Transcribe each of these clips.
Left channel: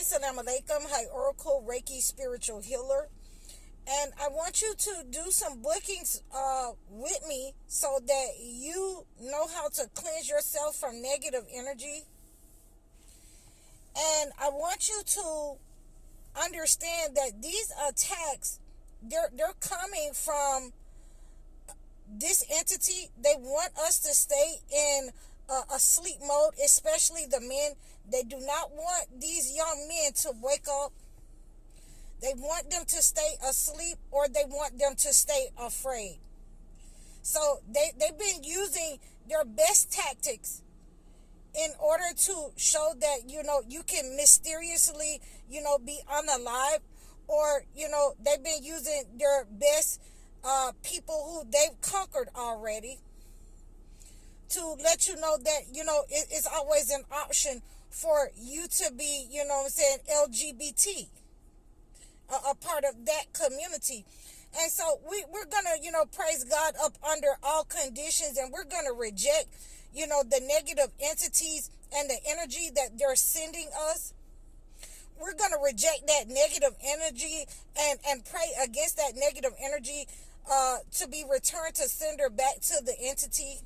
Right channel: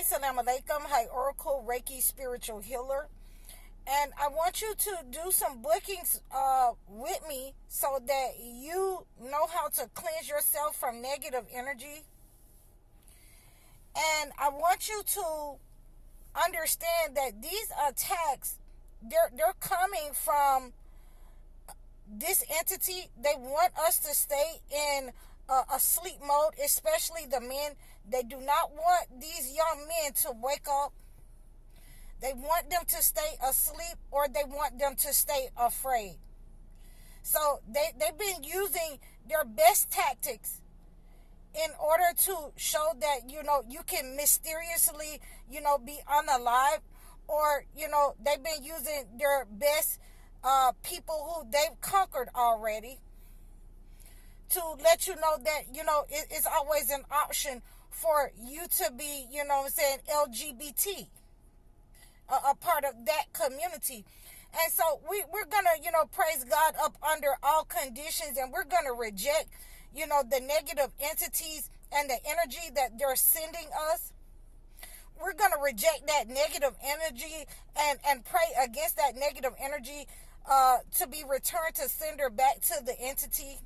Assalamu alaikum. Hi, Oracle Reiki Spiritual Healer. And I want you to do some bookings with me so that you know how to cleanse yourself from negative energy. And I want you to understand that these attacks, they're coming from this entity. They want us to stay in a sleep mode, especially the men. They do not want these young men to wake up. They want them to stay asleep, or they want them to stay afraid. So they've been using their best tactics in order to show that, you can mysteriously, be unalive, or, they've been using their best people who they've conquered already to let you know that, it's always an option for you to be, LGBT, a part of that community. And so we're going to, praise God up under all conditions, and we're going to reject, the negative entities and the energy that they're sending us. We're going to reject that negative energy and pray against that negative energy to be returned to sender back to the entity.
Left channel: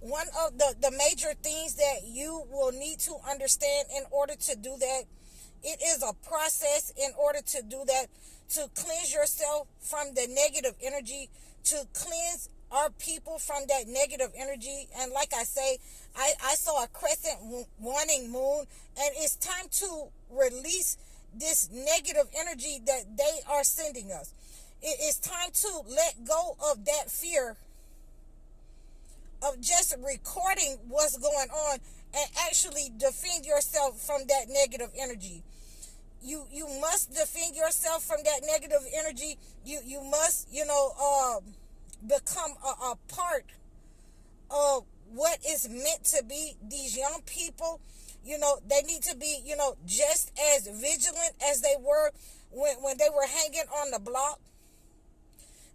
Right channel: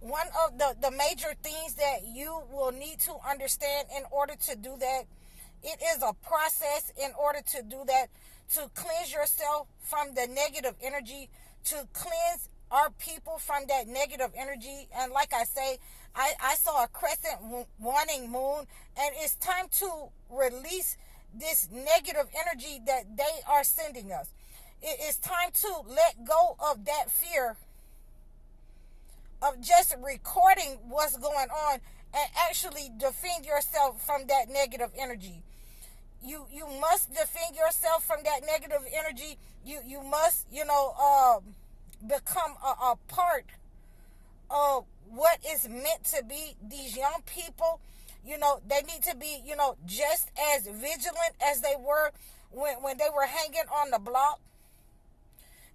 One of the major things that you will need to understand in order to do that, it is a process in order to do that, to cleanse yourself from the negative energy, to cleanse our people from that negative energy. And like I say, I saw a crescent waning moon, and it's time to release this negative energy that they are sending us. It's time to let go of that fear of just recording what's going on and actually defend yourself from that negative energy. You must defend yourself from that negative energy. You must, become a part of what is meant to be. These young people, they need to be, just as vigilant as they were when they were hanging on the block.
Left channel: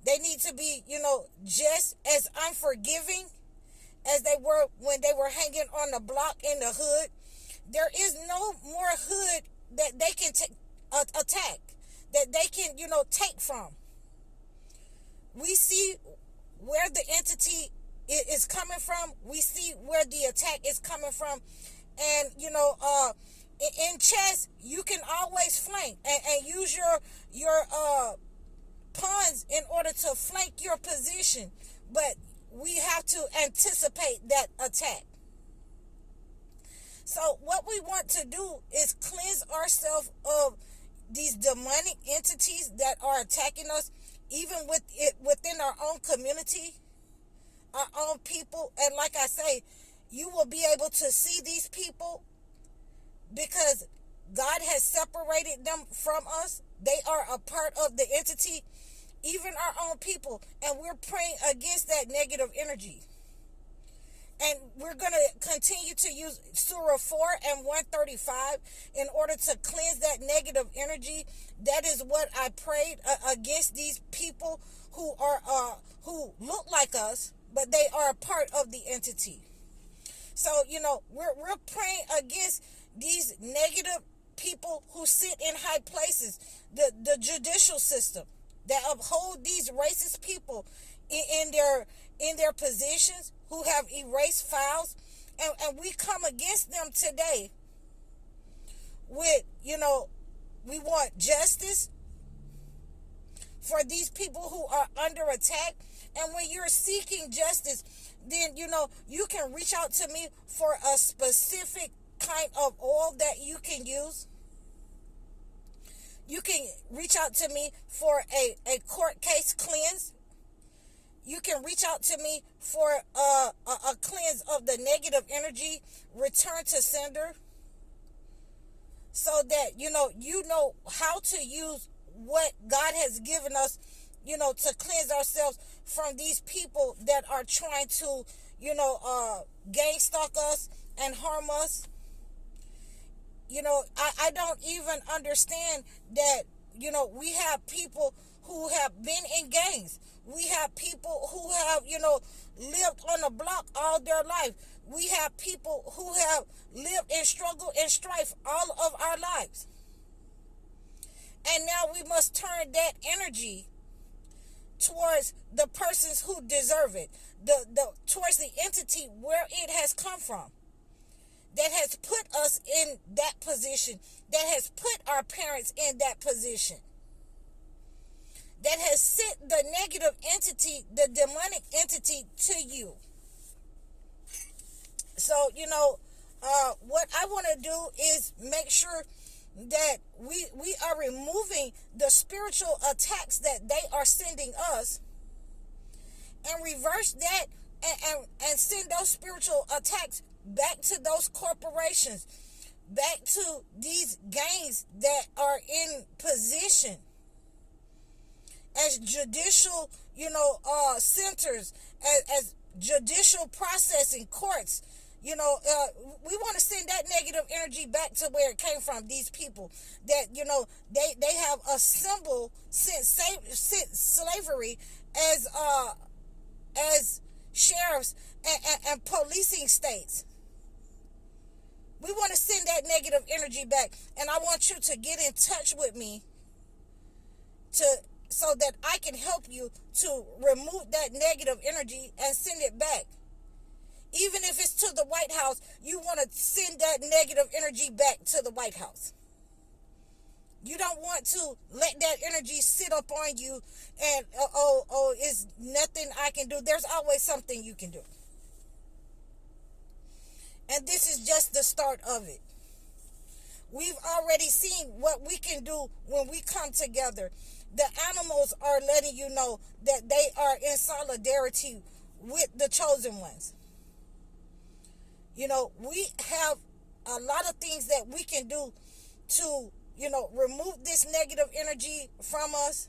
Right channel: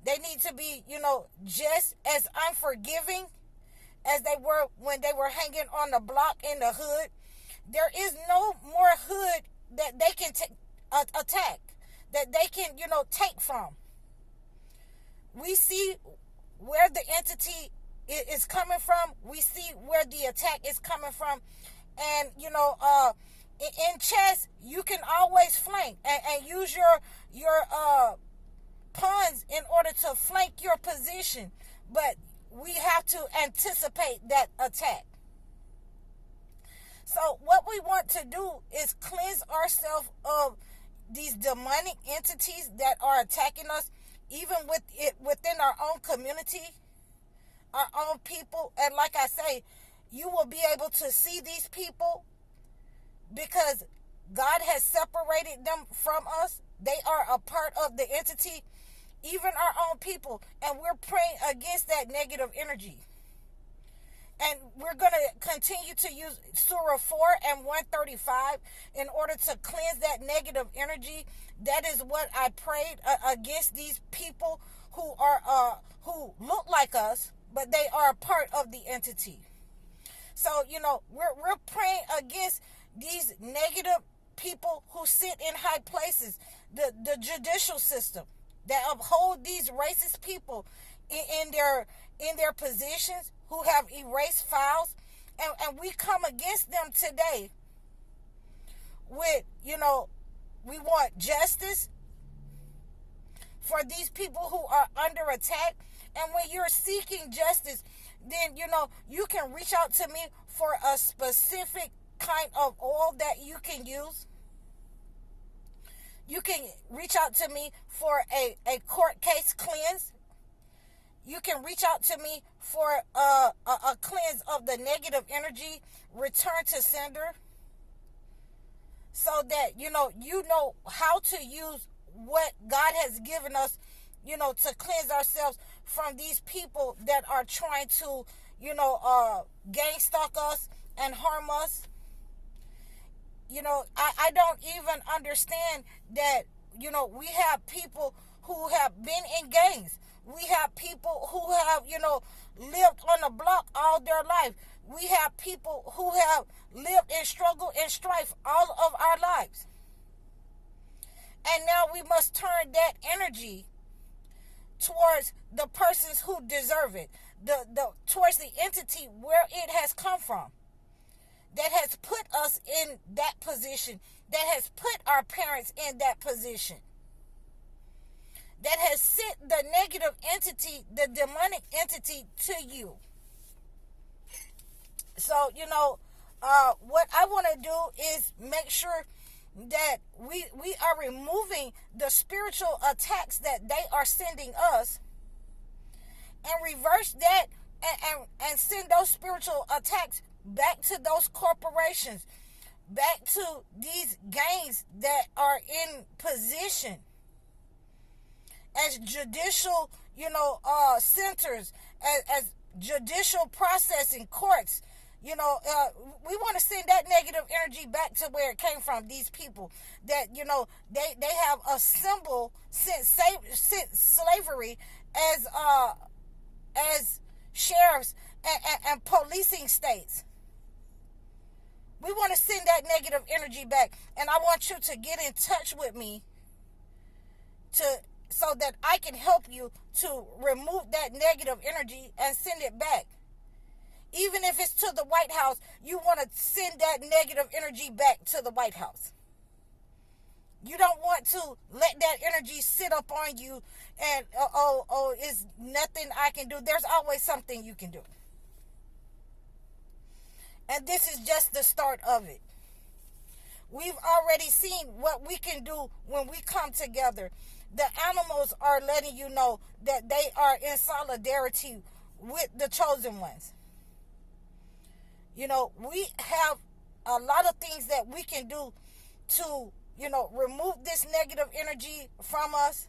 They need to be, just as unforgiving as they were when they were hanging on the block in the hood. There is no more hood that they can attack, that they can, take from. We see where the entity is coming from. We see where the attack is coming from. And, in chess, you can always flank and use your pawns in order to flank your position. But we have to anticipate that attack. So what we want to do is cleanse ourselves of these demonic entities that are attacking us, even within our own community, our own people. And like I say, you will be able to see these people because God has separated them from us. They are a part of the entity, even our own people, and we're praying against that negative energy. And we're going to continue to use Surah 4 and 135 in order to cleanse that negative energy. That is what I prayed against these people who who look like us, but they are a part of the entity. So, we're praying against these negative people who sit in high places, the judicial system, that uphold these racist people in their positions, who have erased files, and we come against them today with, we want justice for these people who are under attack. And when you're seeking justice, then, you can reach out to me for a specific kind of oil that you can use. You can reach out to me for a court case cleanse. You can reach out to me for a cleanse of the negative energy, return to sender, so that, you know how to use what God has given us, to cleanse ourselves from these people that are trying to, gang stalk us and harm us. I don't even understand that, we have people who have been in gangs. We have people who have, lived on the block all their life. We have people who have lived in struggle and strife all of our lives. And now we must turn that energy towards the persons who deserve it, towards the entity where it has come from, that has put us in that position, that has put our parents in that position, that has sent the negative entity, the demonic entity to you. So, what I want to do is make sure that we are removing the spiritual attacks that they are sending us, and reverse that, and send those spiritual attacks back to those corporations, back to these gangs that are in position as judicial, centers, as judicial processing courts. We want to send that negative energy back to where it came from. These people that, they have a symbol since slavery as sheriffs and policing states. We want to send that negative energy back. And I want you to get in touch with me so that I can help you to remove that negative energy and send it back. Even if it's to the White House, you want to send that negative energy back to the White House. You don't want to let that energy sit up on you and, it's nothing I can do. There's always something you can do. And this is just the start of it. We've already seen what we can do when we come together. The animals are letting you know that they are in solidarity with the chosen ones. We have a lot of things that we can do to, remove this negative energy from us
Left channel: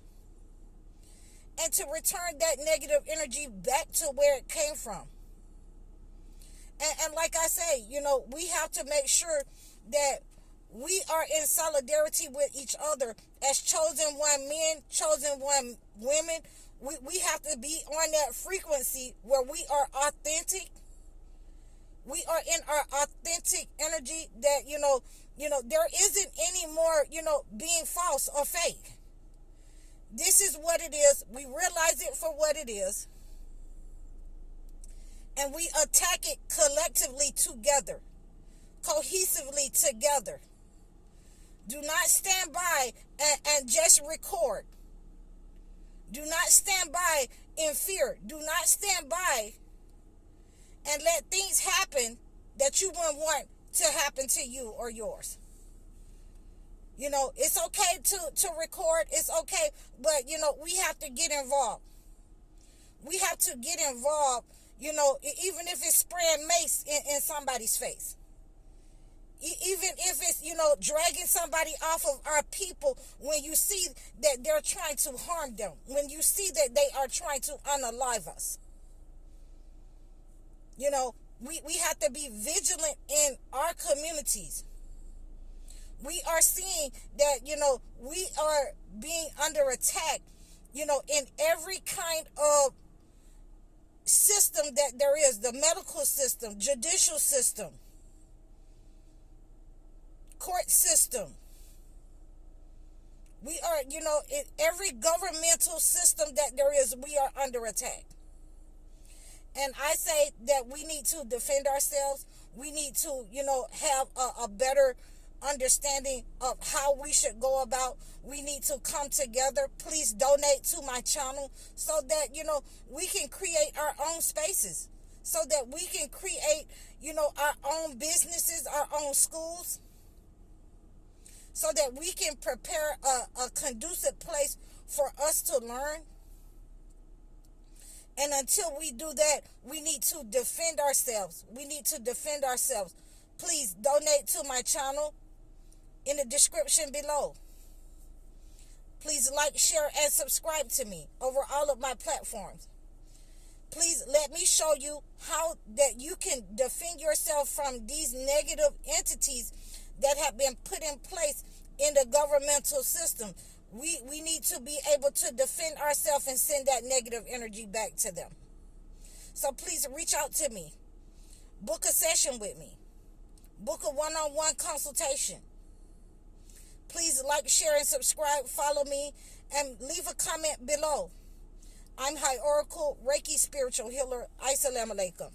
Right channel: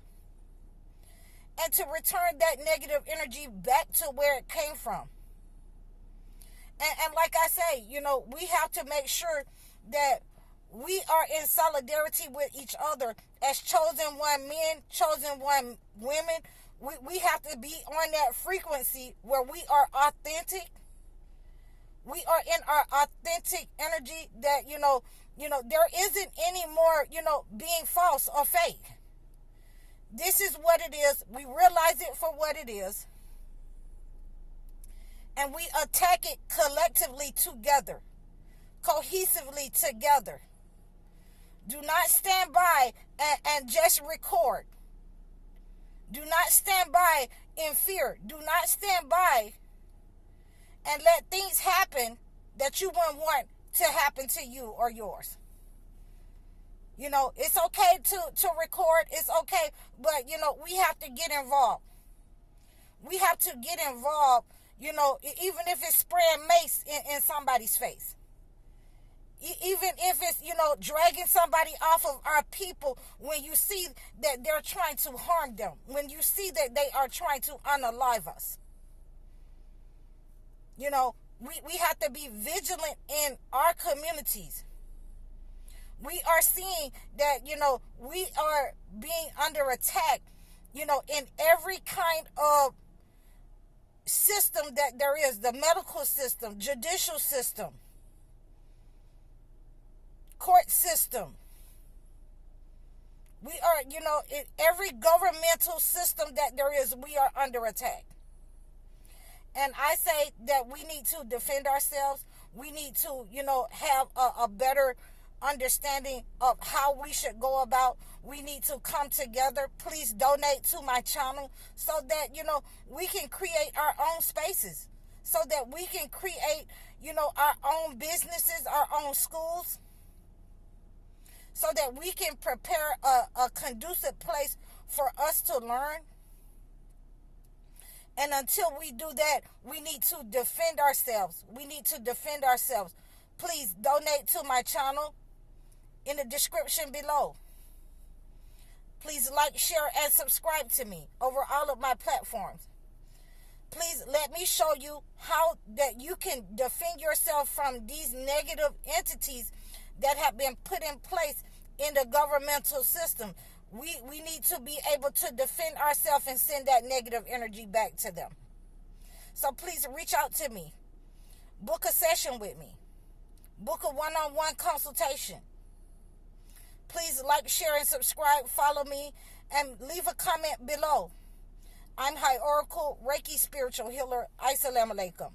and to return that negative energy back to where it came from. And like I say, we have to make sure that we are in solidarity with each other as chosen one men, chosen one women. We have to be on that frequency where we are authentic. We are in our authentic energy that, there isn't any more, being false or fake. This is what it is. We realize it for what it is. And we attack it collectively together, cohesively together. Do not stand by and just record. Do not stand by in fear. Do not stand by and let things happen that you wouldn't want to happen to you or yours. It's okay to record. It's okay. But, we have to get involved. We have to get involved, even if it's spraying mace in somebody's face. Even if it's, dragging somebody off of our people when you see that they're trying to harm them. When you see that they are trying to unalive us. We have to be vigilant in our communities. We are seeing that, we are being under attack, in every kind of system that there is. The medical system, judicial system, court system. We are, in every governmental system that there is, we are under attack. And I say that we need to defend ourselves. We need to, have a better understanding of how we should go about. We need to come together. Please donate to my channel so that, we can create our own spaces. So that we can create, our own businesses, our own schools. So that we can prepare a conducive place for us to learn. And until we do that, we need to defend ourselves. We need to defend ourselves. Please donate to my channel in the description below. Please like, share, and subscribe to me over all of my platforms. Please let me show you how that you can defend yourself from these negative entities that have been put in place in the governmental system. We need to be able to defend ourselves and send that negative energy back to them. So please reach out to me. Book a session with me. Book a one-on-one consultation. Please like, share, and subscribe. Follow me and leave a comment below. I'm High Oracle, Reiki Spiritual Healer. Assalamu alaikum.